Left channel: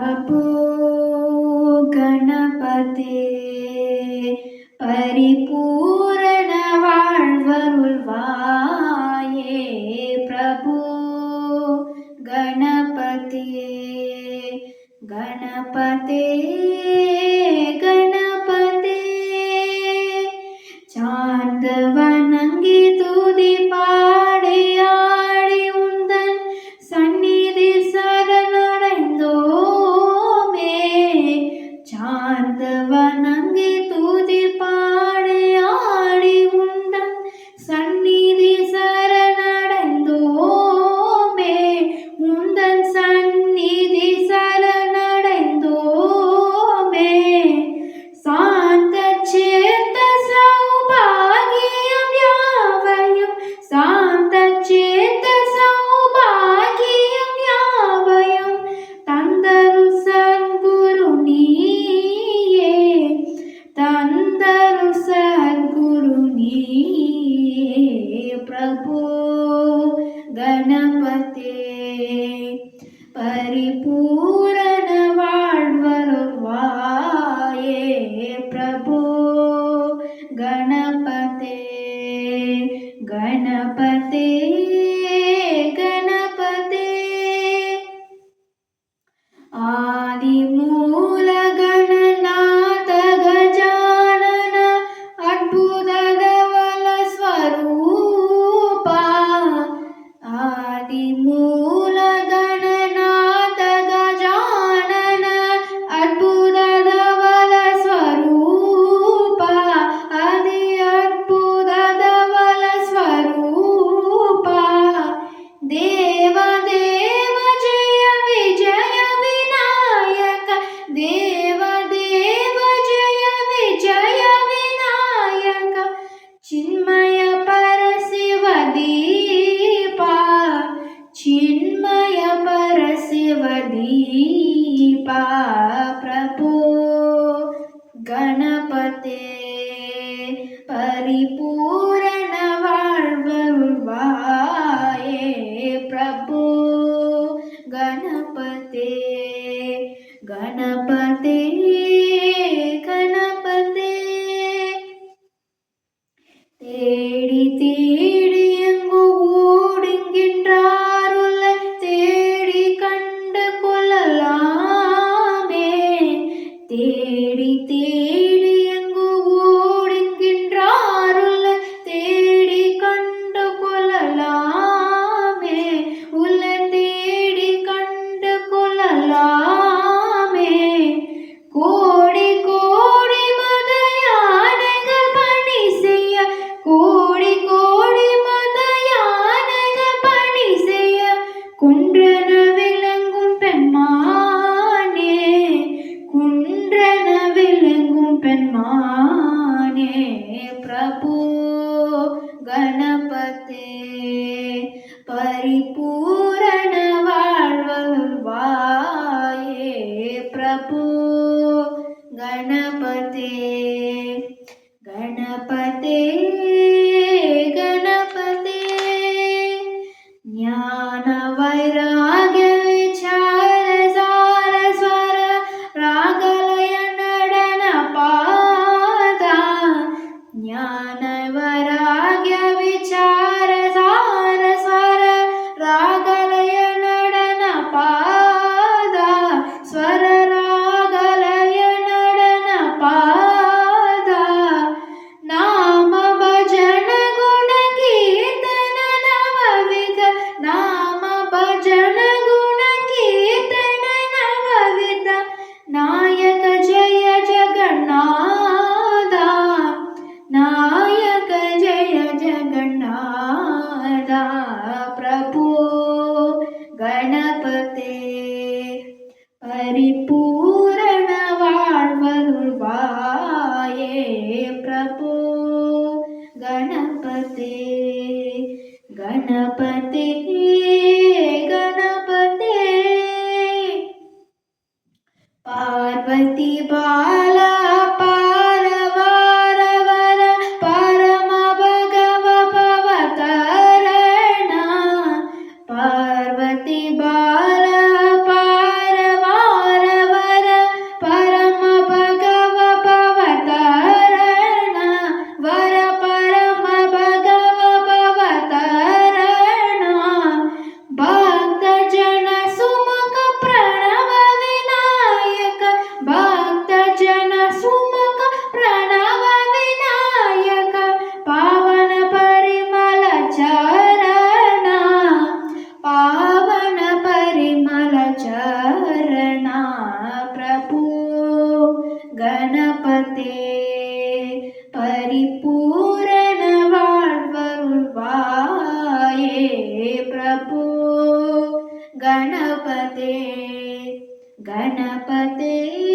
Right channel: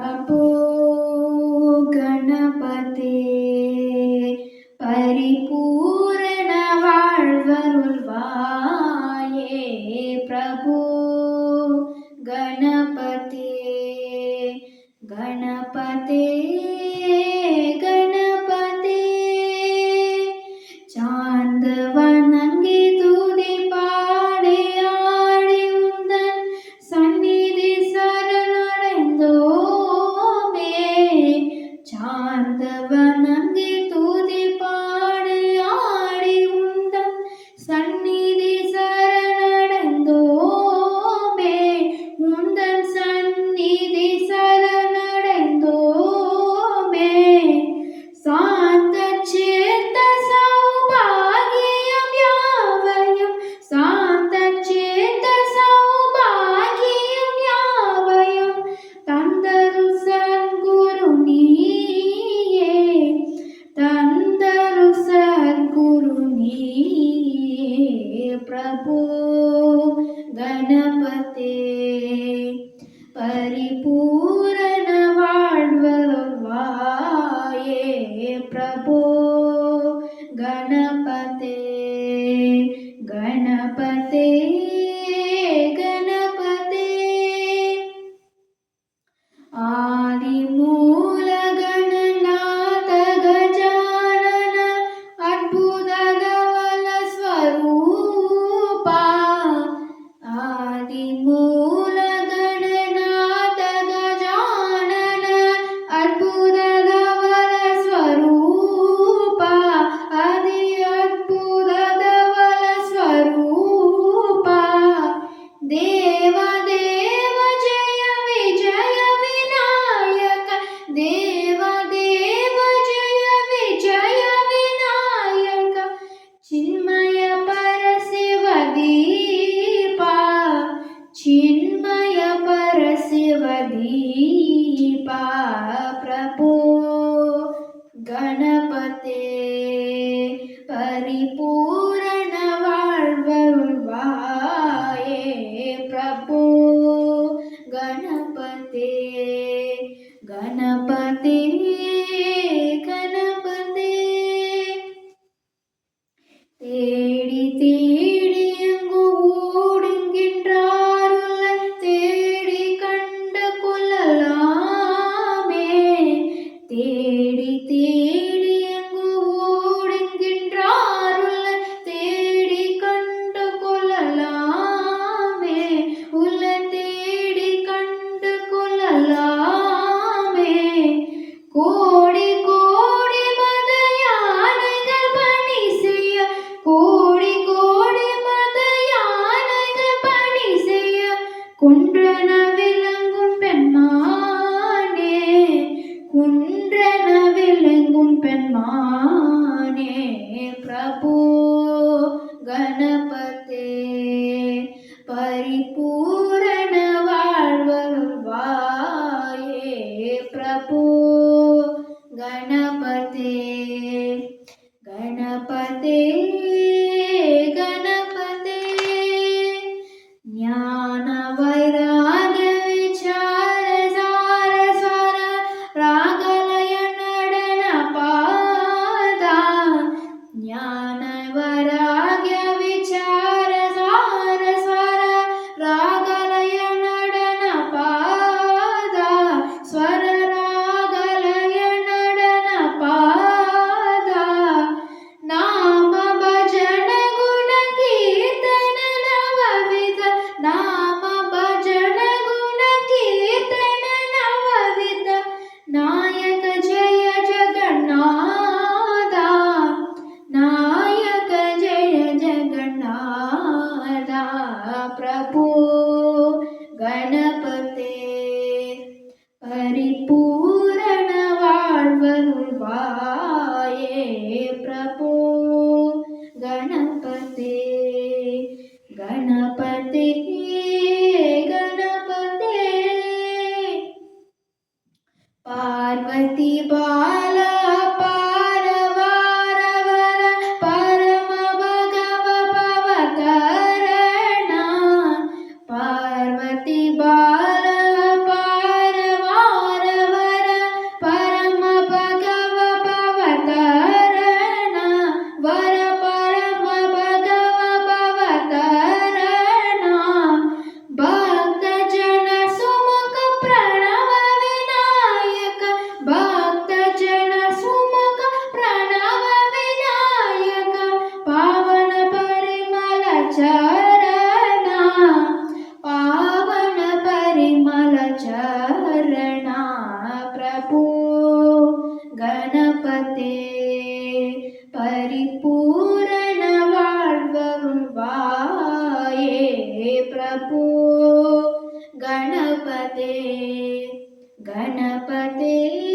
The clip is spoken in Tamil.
प्रभो गणपते परिपूर्ण வாழ்வருள்வாயே प्रभो गणपते गणपते गणपते சார்ந்த வணங்கி துதி பாடி ஆடி உந்தன் சந்நிதி சரணடைந்தோமே சார்ந்த வணங்கி துதி பாடி ஆடி உந்தன் சந்நிதி சரணடைந்தோமே உந்தன் சந்நிதி சரணடைந்தோமே சாந்த சேத்த சௌபாகியம் யாவையும் சாந்த சேத்த சௌபாகியம் யாவையும் தந்தருள் சத்குரு நீயே தந்தருள் சத்குரு நீயே பிரபு கணபதே परिपूर्ण வாழ்வருள்வாயே प्रभो गणपते गणपते गणपते आदिमूल गणनाथ गजानन अद्भुत धवल स्वरूपा आदिमूल गणनाथ गजानन अद्भुत धवल स्वरूपा आदि अद्भुत धवल स्वरूपा देव देव जय विजय विनायक देव देव जय विजय विनायक चिन्मय परशिव दीपा चिन्मय परशिव दीपा प्रभो गणपते परिपूर्ण வாழ்வருள்வாயே प्रभो गणपते गणपते गणपते தேடி தேடி எங்கு ஓடுகின்றாருலை தேடி கண்டு கொள்ளலாமே தேடி தேடி எங்கு ஓடுகின்றாருலை தேடி கண்டு கொள்ளலாமே உள்ள தேடி கண்டு கொள்ளலாமே கோடி கோடி மத யானைகள் பணி செய்ய கோடி கோடி மத யானைகள் பணி செய்ய குன்றன விளங்கும் பெண்மானே குன்றன விளங்கும் பெண்மானே பிரபு கணபதே परिपूर्ण வாழ்வருள்வாயே प्रभो गणपते गणपते गणपते ज्ञान वैराग्य विचार सार स्वर रागलय नडन पादा ज्ञान वैराग्य विचार सार स्वर रागलय नडन पादा स्वर रागलय नडन पादा नाम भजन गुण कीर्तन नवविध नाम भजन गुण कीर्तन नवविध नायक जय जगन्नाथ नायक जय जगन्नाथ प्रभु गणपते परिपूर्ण வாழ்வருள்வாயே प्रभो गणपते गणपते गणपते पार्वती बाला पारवारवर परम भगव भवकरणा पार्वती बाला पारवार गणपते गणपते